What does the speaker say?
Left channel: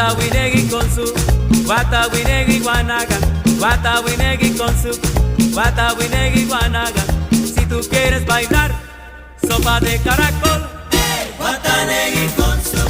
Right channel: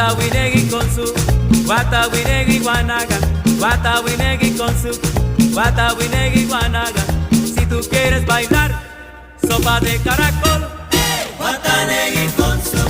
Guatawinegui con su Guatawinegui guanaga, Guatawinegui con su Guatawinegui guanaga. Si tú quieres bailar sopa de caracol, Guatanegui con su